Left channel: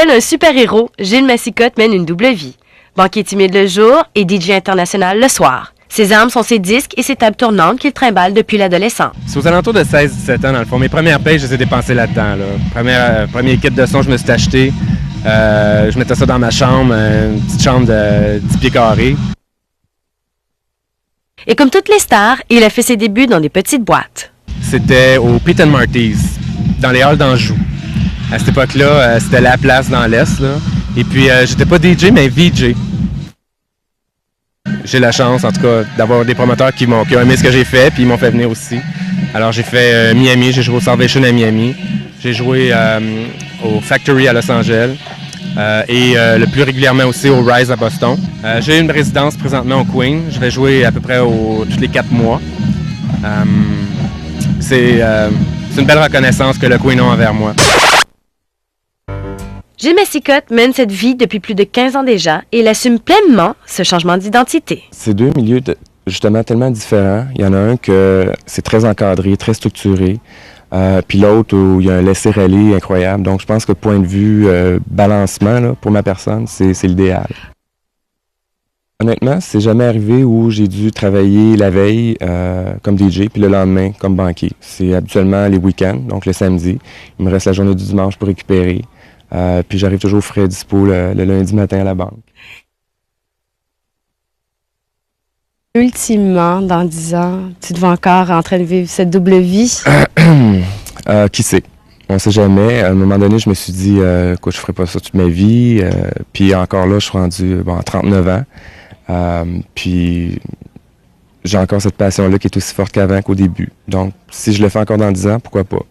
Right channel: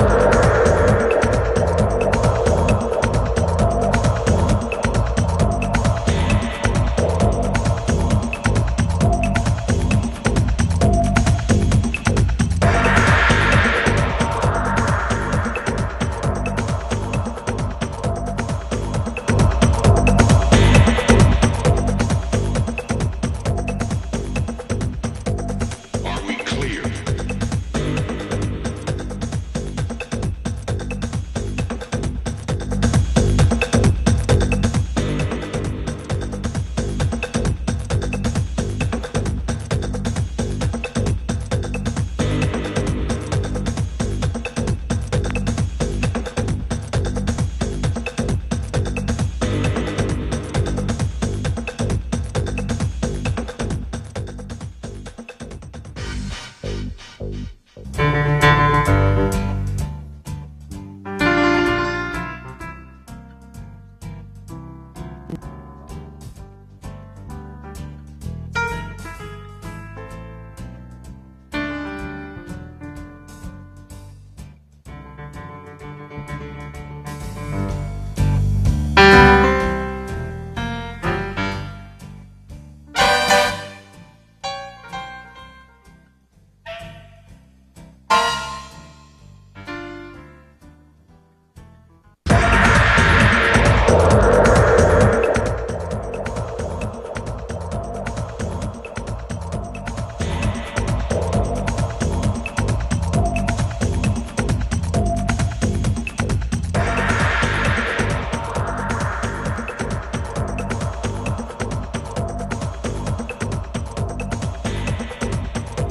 Tel un super-héros, Gilles Massicotte mène une double vie. Banquier timide le jour et DJ international le soir. Ses armes sont ses disques et ses tables tournantes qu'il trimballe depuis l'adolescence. C'est aux alentours de 16-17 ans, dans le fond. Mes premières payes, je les ai dépensées là-dedans. Premier kit de son, je me suis acheté. Je mettais ça dans ma chambre, une petite chambre de 10 pieds carrés. Et comme toutes les stars, il a fait ses débuts dans des petites boîtes. C'était au Pete & Marty's, dans les halls d'Anjou. À cette époque-là, c'était la place dans l'Est. Là. Et puis, j'étais pas DJ, mais VJ. J'ai la chance, en tout cas, d'avoir des promoteurs qui ont aimé ce que j'ai fait, puis ils m'ont fait venir aussi. Alors, j'ai fait Miami, j'ai joué au Salvation à Miami. J'ai joué au Factory à Los Angeles. Et le plus régulièrement aussi au Rise à Boston. J'ai une résidence présentement au Queen. Je vais jouer à peu près tous les 4 mois. C'est une belle reconnaissance que le Queen a envers moi. Gilles Massicotte mène cette vie depuis plus de 15 ans déjà et il assume pleinement ce changement d'identité. C'est deux milieux justement tellement différents. Il y en a un que c'est très encadré, très structuré. Puis l'autre où il y a un laisser-aller incroyable. Donc je pense que point de vue balancement là, pour ma personne, c'est l'idéal. Honnêtement, c'est jamais arrivé où j'ai dû travailler la veille comme DJ puis le lendemain comme banquier. C'est habituellement les week-ends, donc le samedi. Il me reste la journée du dimanche pour récupérer. Puis j'arrive toujours frais dispo le lundi matin à la banque. Ultimement, dans 10 ans, tu te vois encore en train de vivre cette double vie? Qui sait? On ne sait jamais. À un moment donné, je me suis dit, écoute, je ferai pas ça toute ma vie. Puis encore là, je suis rendu à 39 ans. Puis j'ai encore cette passion-là qui est aussi forte qu'avant qu'au début. Donc, si je le fais encore dans 10 ans, pourquoi pas?